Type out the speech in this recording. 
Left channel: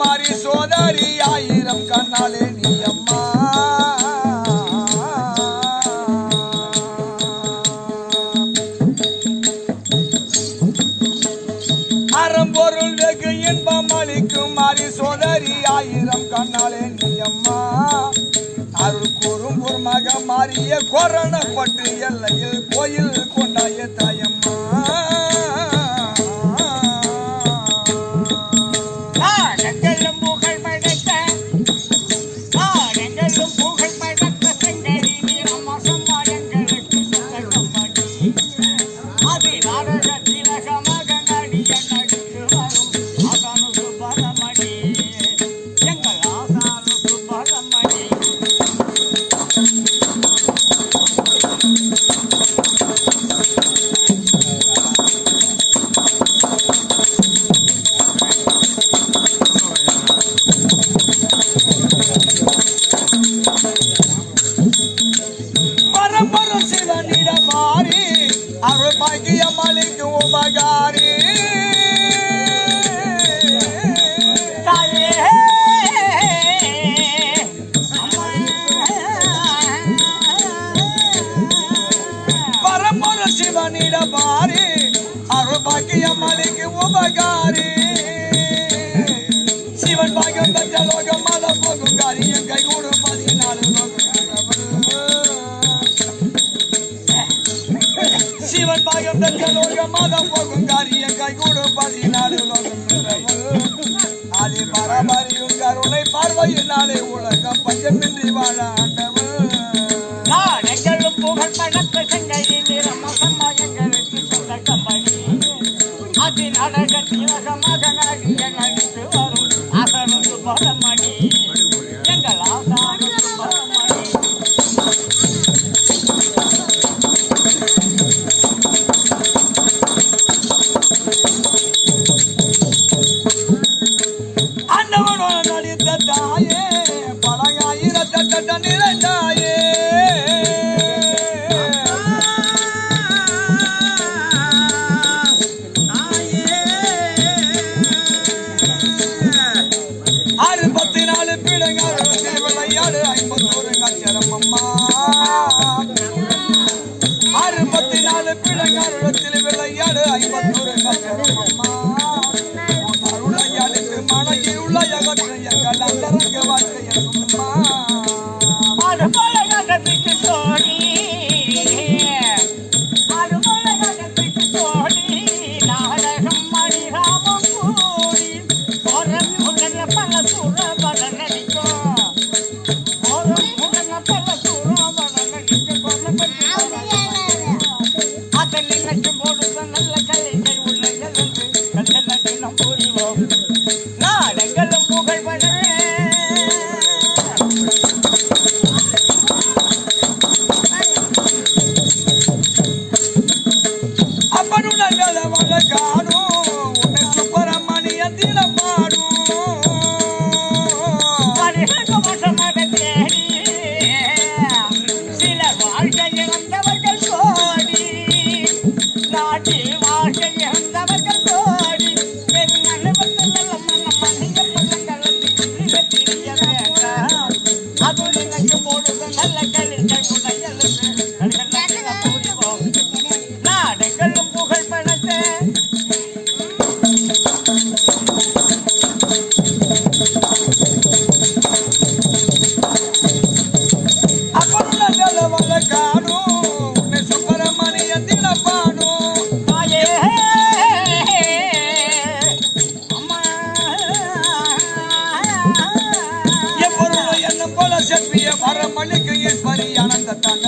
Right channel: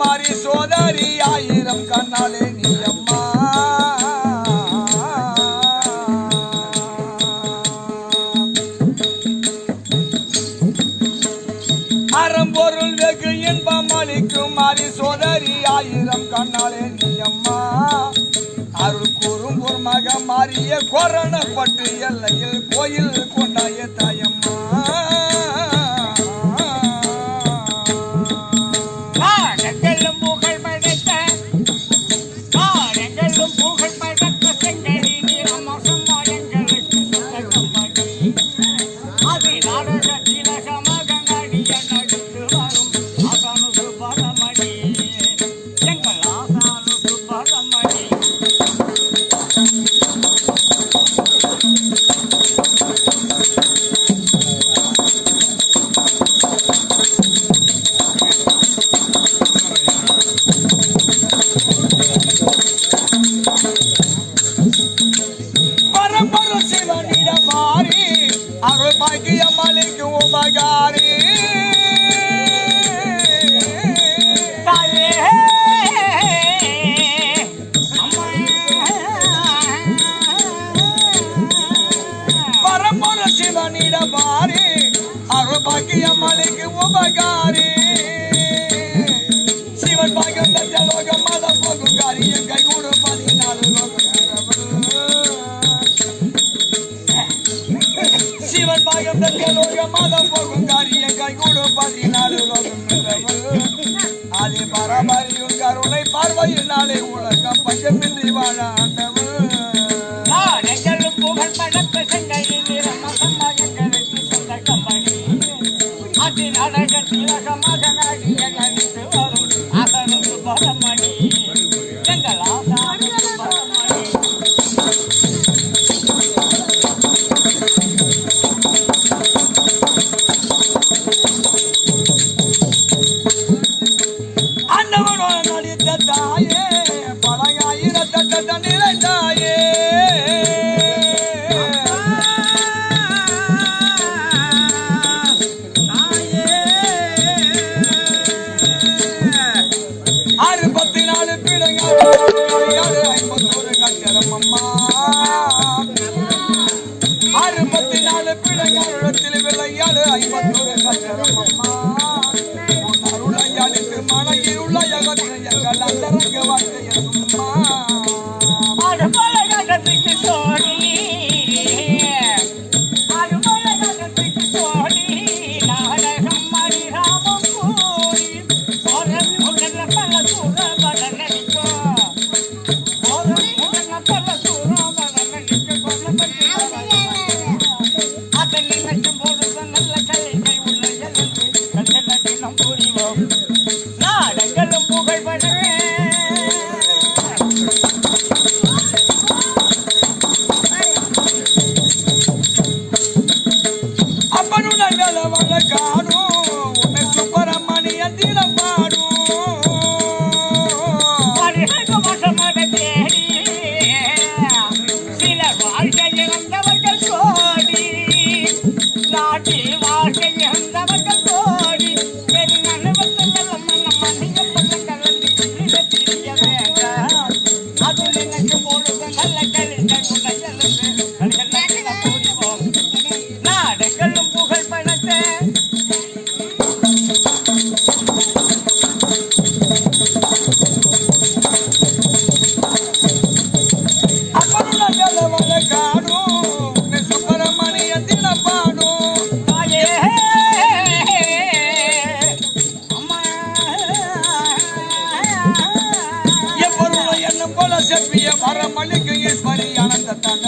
மாறி சோதரி ஆயிரம் கண்ணாலே நீ அம்மா அறம்பொருள் வெகு இன்பம் அளிக்கும் மாறி சோதரி ஆயிரம் கண்ணாலே நீ அம்மா அருள் கூறும் ஒரு மக மாறிய கொரணப்பட்டு எல்லையில் கோயில் கொண்டாய தாயம்மா அருள் பாக்கியம் அளிக்கும் உபகாரி பரம்பொரு சிவனிட பாரி அருள் பாக்கியம் அளிக்கும் உபகாரி சிவன் பாக்கியம் பெற்ற லோகம் மதம் போகும் காரியம் கைகூடு 14 லோகம் சிவன் பாகம் பெற்ற லோகம் மதம் போகும் காரியம் கைகூடு 14 லோகம் ஆதி பரபரியும் கருணை பார்வையினாலே உலகம் பஞ்சமின்றி வாழ ஆண்டவர் நாடெங்களும் புகழ் படத்த செங்கையின் நிறமசமயங்களுக்கு சந்தகப்படி அதி நாடக திலகமாக நாடிய நடித்து வரும் ஆசனு சுப்பரமணி எங்கள் ஆசானு சுப்பரமணி தாயே பழங்காயிரத்த நிறைந்தாயே அறுபத்தி 4 பிள்ளைங்கள் 51 அச்சரம் அம்மா 64 பிள்ளைங்களிடத்தில் விளையாடு 51 அச்சரம் அம்மா அருளையாளுக்கு மனையில் உள்ள எங்கள் அந்தரங்க வாழ்க்கைய சும்மா அருமலையகத்துக்கு தோழி அருமலையகத்துக்கு தோழி நாடகம் மணிராமம் கூடி ஒரு பல சூறவன நடிக்கும் ஒரு பல சூறவன நடிக்க கொல்லப்பட்டு அதை நினைக்கும் போது நல்ல கைகள் உள்ள எழுந்து கல்ல தினம் புரிவோம் நாடங்களும் புகழ்பட அப்பனுடன் வேலவள காணும் உன்னை சுப்பரமணிய தினம் பாடும் தேடி சில வாழ்க்கையை வந்தவர்கள் கோடி நாட்டி வாழ்க்கையை வந்தவர்கள் கோடி அது நினைக்கும் பொழுது நல்ல புரிவோம் நாடங்களும் புகழ் பணத்தை அப்பனுடன் வேலவள காணும் சுப்பரமணிய தினம் பாடும் எப்பொருள் எண்ணம் போல செப்பிய வரமளிக்கு ஈஸ்வரி ஆனந்த தாண்ட